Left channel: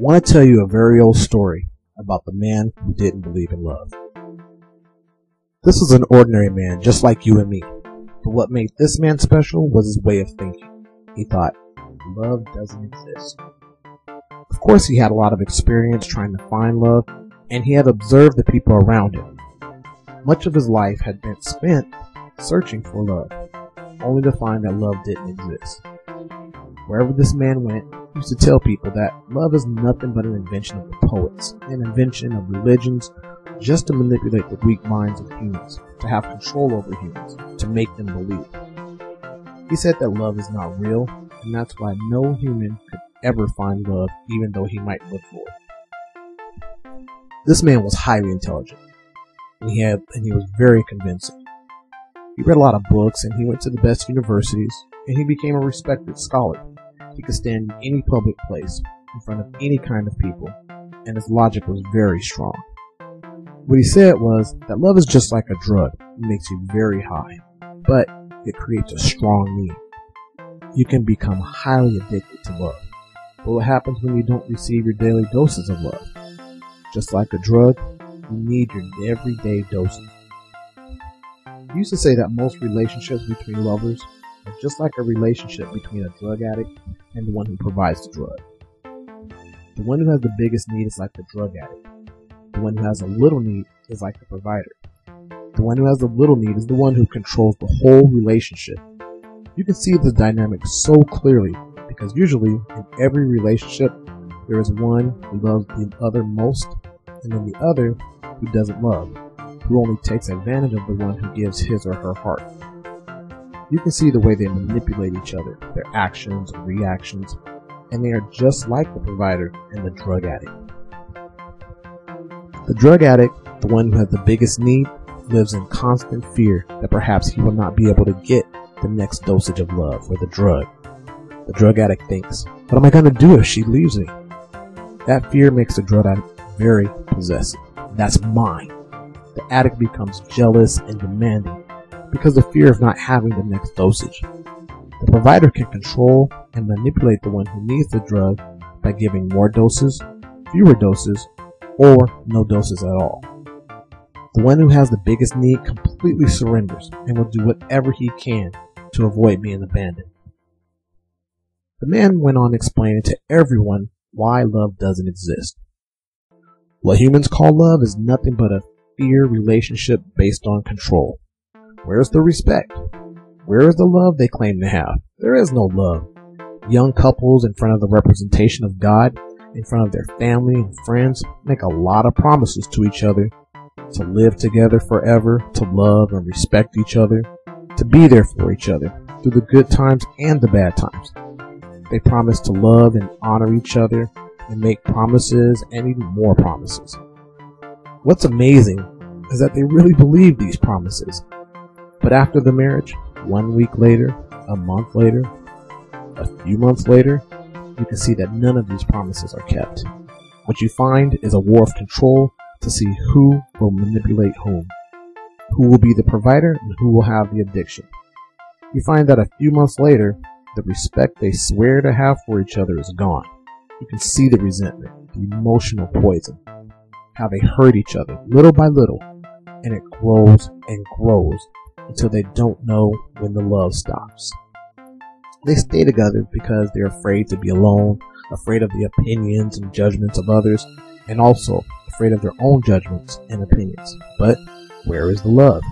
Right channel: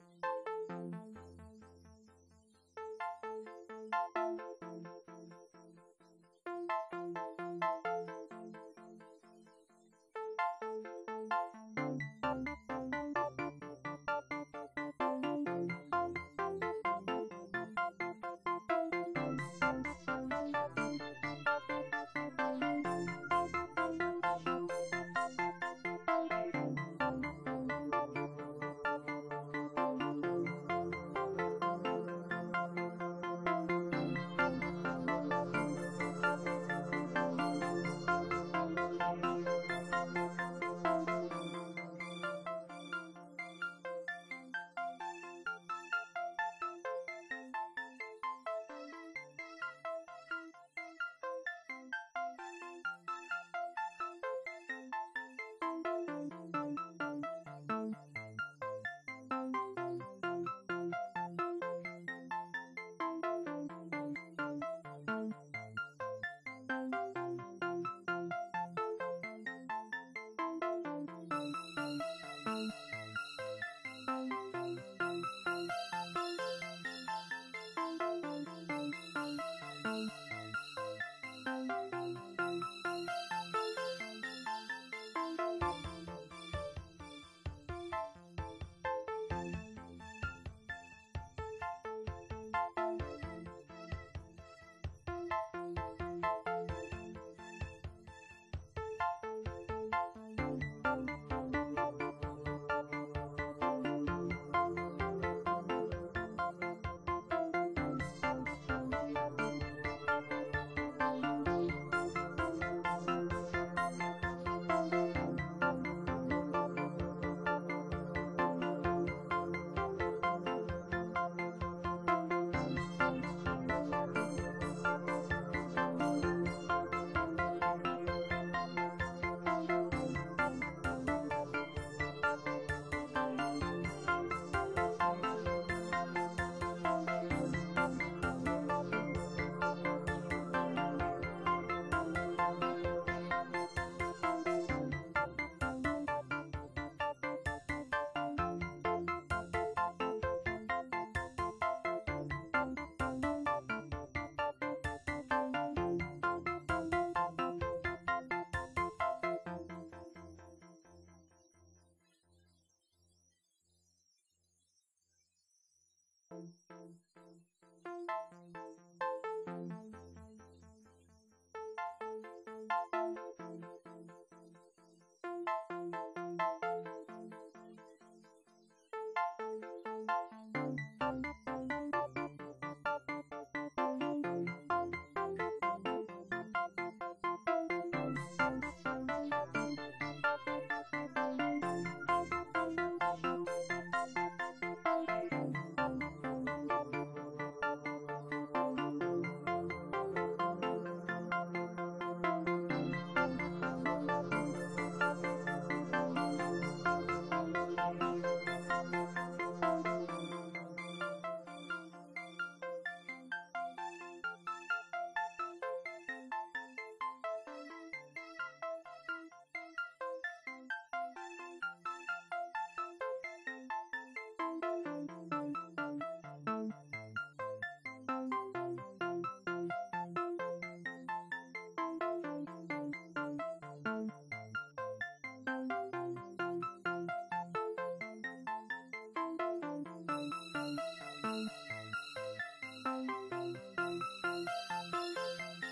I want to tell you a very old story about the man who didn't believe in love. This was an ordinary man just like you and me, but what made this man special was his way of thinking. He thought, love doesn't exist. Of course, he had a lot of experience trying to find love, and he had observed the people around him. Much of his life had been spent searching for love, only to find that love didn't exist. Wherever this man went, he used to tell people that love is nothing but an invention of the poets, an invention of religions, just to manipulate the weak minds of humans, to have control over humans, to make them believe. He said that love is not real, and that's why no human could ever find love, even though he might look for it. This man was highly intelligent, and he was very convincing. He read a lot of books, and he went to the best universities, and he became a respected scholar. He could stand in any public place, in front of any kind of people, and his logic was very strong. What he said was that love is just like a drug. It makes you very high, but it creates a strong need. You can become highly addicted to love. But what happens when you don't receive your daily doses of love? Just like a drug, you need your everyday doses. He used to say that most relationships between lovers are just like a relationship between a drug addict and the one who provides the drug. The one who has the biggest need is like the drug addict. The one who has a little need is like the provider. The one who has the little need is the one who controls the whole relationship. You can see the dynamic so clearly because usually in every relationship there is one who loves the other most and then the other who doesn't love, who only takes advantage of the one who gives his or her heart. You can see the way they manipulate each other, their actions and reactions, and they are just like the provider and the drug addict. The drug addict, the one who has the biggest need, lives in constant fear that perhaps he will not be able to get the next dosage of love or the drug. The drug addict thinks, what am I going to do if she leaves me? That fear makes the drug addict very possessive. That's mine. The addict becomes jealous and demanding because of fear of not having the next dosage. The provider can control and manipulate the one who needs the drug by giving more doses, fewer doses, or no doses at all. The one who has the biggest need completely surrenders and will do whatever he can to avoid being abandoned. The man went on explaining to everyone why love doesn't exist. What humans call love is nothing but a fear relationship based on control. Where's the respect? Where is the love they claim to have? There is no love. Young couples in front of the representation of God, in front of their family and friends, make a lot of promises to each other to live together forever, to love and respect each other, to be there for each other through the good times and the bad times. They promise to love and honor each other and make promises and even more promises. What's amazing is that they really believe these promises. But after the marriage, 1 week later, a month later, a few months later, you can see that none of these promises are kept. What you find is a war of control to see who will manipulate whom, who will be the provider and who will have the addiction. You find that a few months later, the respect they swear to have for each other is gone. You can see the resentment, the emotional poison, how they hurt each other little by little, and it grows and grows until they don't know when the love stops. They stay together because they're afraid to be alone, afraid of the opinions and judgments of others, and also afraid of their own judgments and opinions. But where is the love?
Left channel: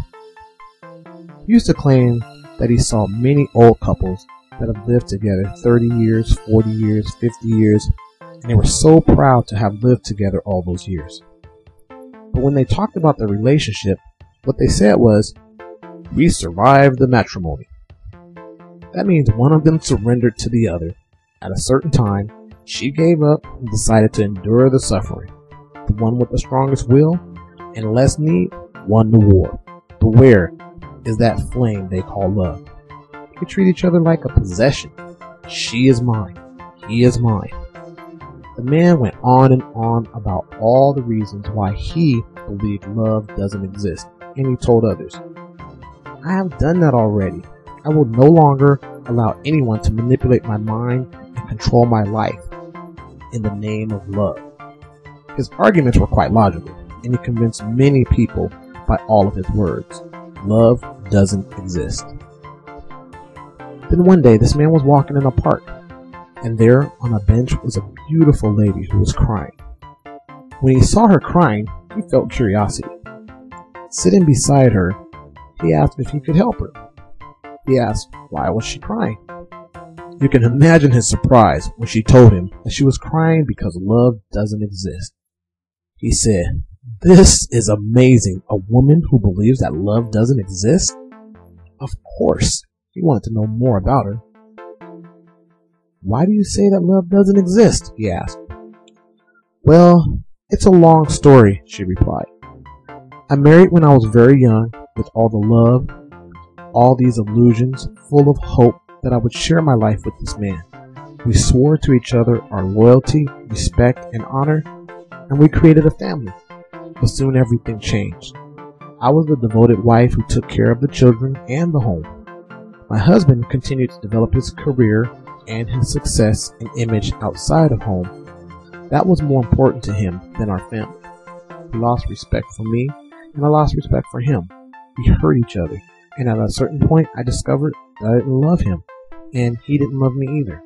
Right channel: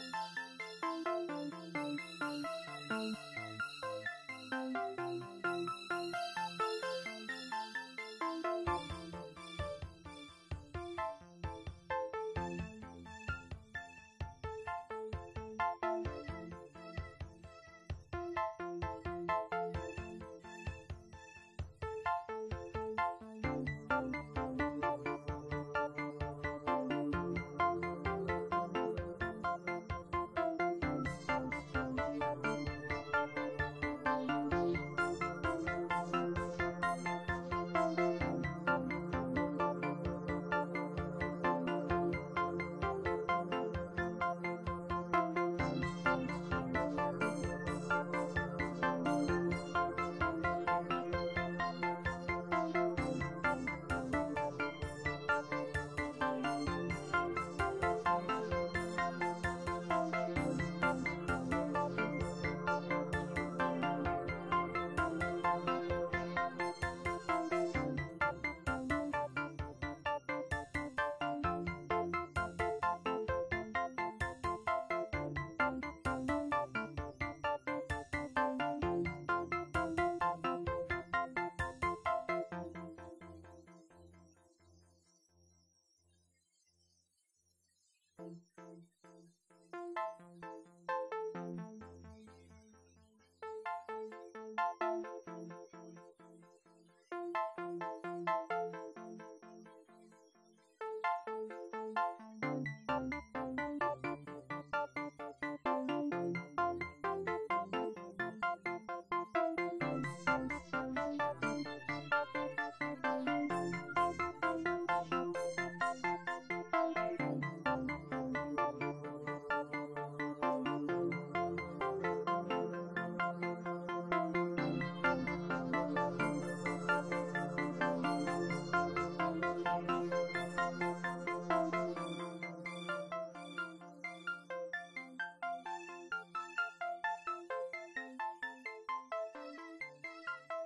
He used to claim that he saw many old couples that have lived together 30 years, 40 years, 50 years, and they were so proud to have lived together all those years. But when they talked about their relationship, what they said was, we survived the matrimony. That means one of them surrendered to the other. At a certain time, she gave up and decided to endure the suffering. The one with the strongest will and less need won the war. But where is that flame they call love? They treat each other like a possession. She is mine. He is mine. The man went on and on about all the reasons why he believed love doesn't exist, and he told others, I have done that already. I will no longer allow anyone to manipulate my mind and control my life. in the name of love. His arguments were quite logical, and he convinced many people by all of his words. Love doesn't exist. Then one day, this man was walking in a park, and there on a bench was a beautiful lady who was crying. When he saw her crying, he felt curiosity. Sitting beside her, he asked if he could help her. He asked, why was she crying? You can imagine his surprise when she told him that she was crying because love doesn't exist. He said, "This is amazing. A woman who believes that love doesn't exist?" Of course, he wanted to know more about her. "Why do you say that love doesn't exist?" he asked. "Well, it's a long story," she replied. "I married when I was very young, with all the love, all these illusions, full of hope that I would share my life with this man. We swore to each other our loyalty, respect, and honor, and we created a family. But soon everything changed. I was the devoted wife who took care of the children and the home. My husband continued to develop his career and his success and image outside of home. That was more important to him than our family. He lost respect for me, and I lost respect for him. We hurt each other, and at a certain point I discovered that I didn't love him, and he didn't love me either.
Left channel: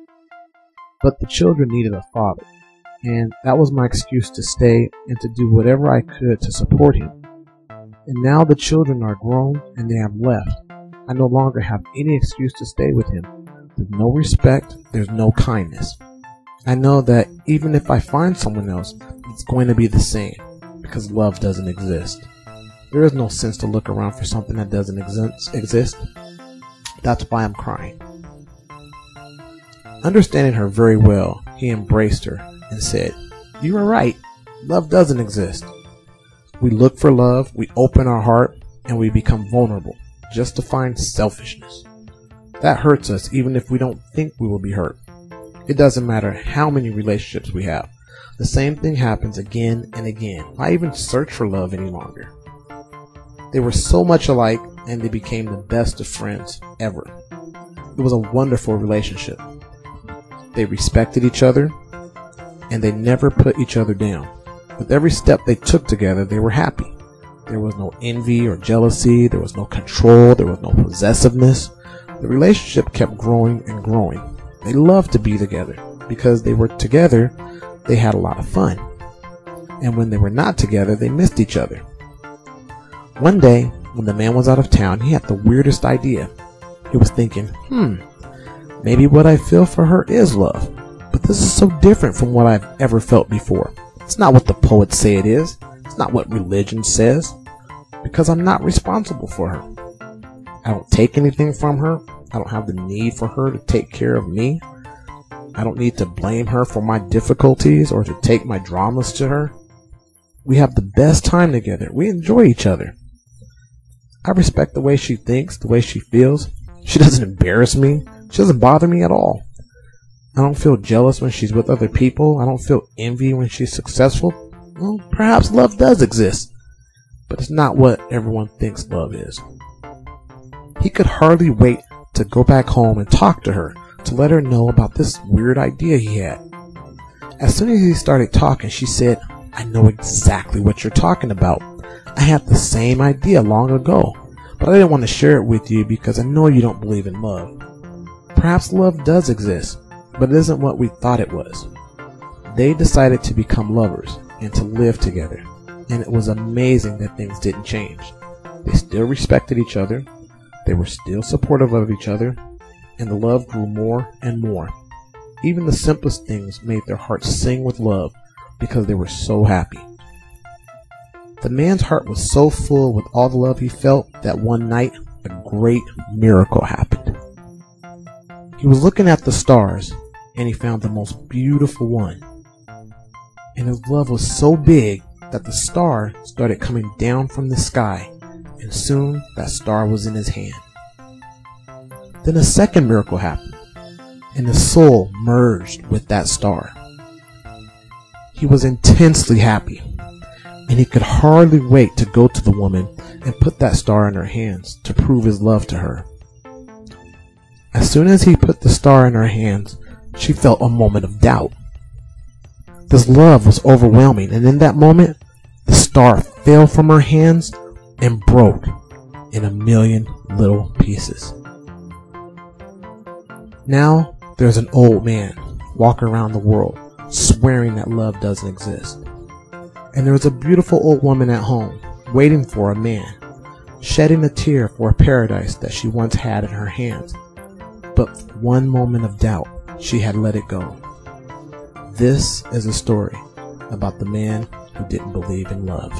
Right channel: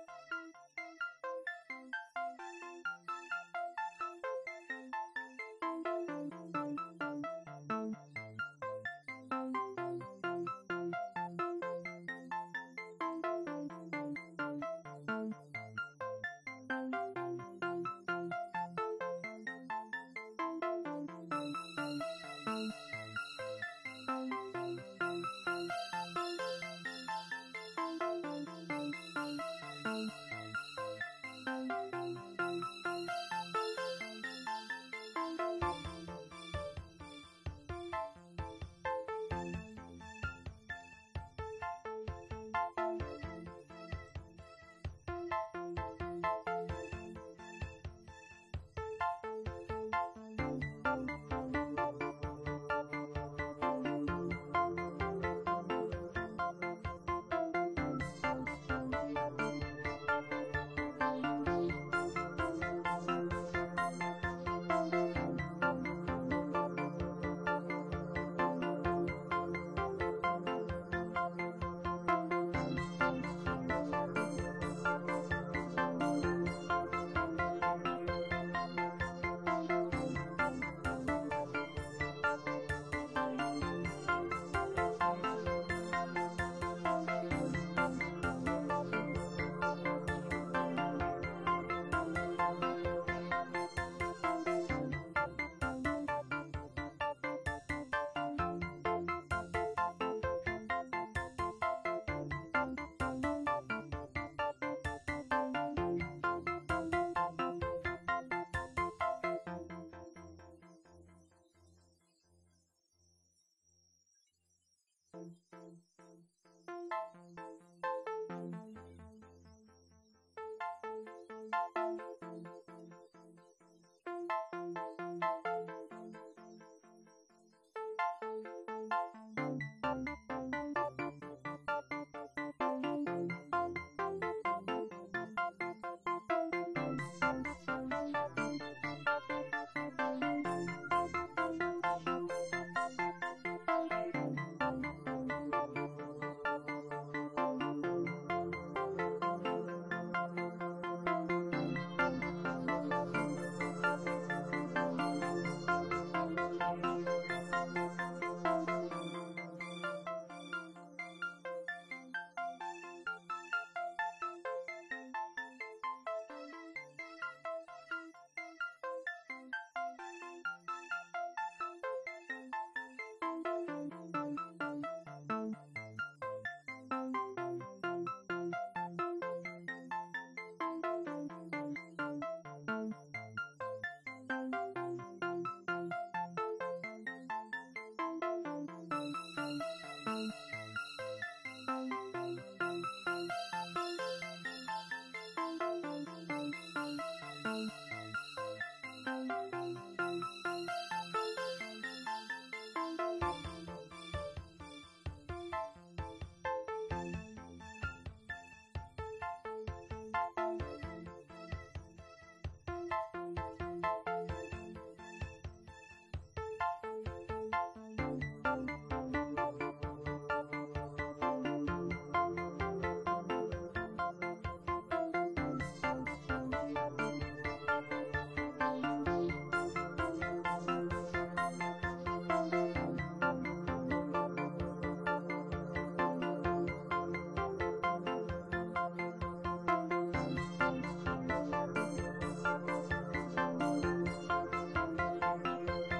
But the children needed a father, and that was my excuse to stay and to do whatever I could to support him. And now the children are grown and they have left. I no longer have any excuse to stay with him. There's no respect, there's no kindness. I know that even if I find someone else, it's going to be the same, because love doesn't exist. There is no sense to look around for something that doesn't exist. That's why I'm crying." Understanding her very well, he embraced her and said, "You are right. Love doesn't exist. We look for love, we open our heart, and we become vulnerable just to find selfishness. That hurts us even if we don't think we will be hurt. It doesn't matter how many relationships we have. The same thing happens again and again. Why even search for love any longer?" They were so much alike, and they became the best of friends ever. It was a wonderful relationship. They respected each other, and they never put each other down. With every step they took together, they were happy. There was no envy or jealousy. There was no control. There was no possessiveness. The relationship kept growing and growing. They loved to be together. Because they were together, they had a lot of fun. And when they were not together, they missed each other. One day, when the man was out of town, he had the weirdest idea. He was thinking, maybe what I feel for her is love. But this is so different from what I've ever felt before. It's not what the poets say it is. It's not what religion says. Because I'm not responsible for her. I don't take anything from her. I don't have the need for her to take care of me. I don't need to blame her for my difficulties or to take my dramas to her. We have the best time together. We enjoy each other. I respect the way she thinks, the way she feels. She doesn't embarrass me. She doesn't bother me at all. I don't feel jealous when she's with other people. I don't feel envy when she's successful. Well, perhaps love does exist, but it's not what everyone thinks love is. He could hardly wait to go back home and talk to her, to let her know about this weird idea he had. As soon as he started talking, she said, "I know exactly what you're talking about. I had the same idea long ago, but I didn't want to share it with you because I know you don't believe in love. Perhaps love does exist, but it isn't what we thought it was." They decided to become lovers and to live together, and it was amazing that things didn't change. They still respected each other, they were still supportive of each other, and the love grew more and more. Even the simplest things made their hearts sing with love because they were so happy. The man's heart was so full with all the love he felt that one night a great miracle happened. He was looking at the stars, and he found the most beautiful one. And his love was so big that the star started coming down from the sky, and soon that star was in his hand. Then a second miracle happened, and his soul merged with that star. He was intensely happy, and he could hardly wait to go to the woman and put that star in her hands to prove his love to her. As soon as he put the star in her hands, she felt a moment of doubt. This love was overwhelming, and in that moment, the star fell from her hands and broke in a million little pieces. Now, there's an old man walking around the world swearing that love doesn't exist. And there is a beautiful old woman at home waiting for a man, shedding a tear for a paradise that she once had in her hands. But for one moment of doubt, she had let it go. This is a story about the man who didn't believe in love.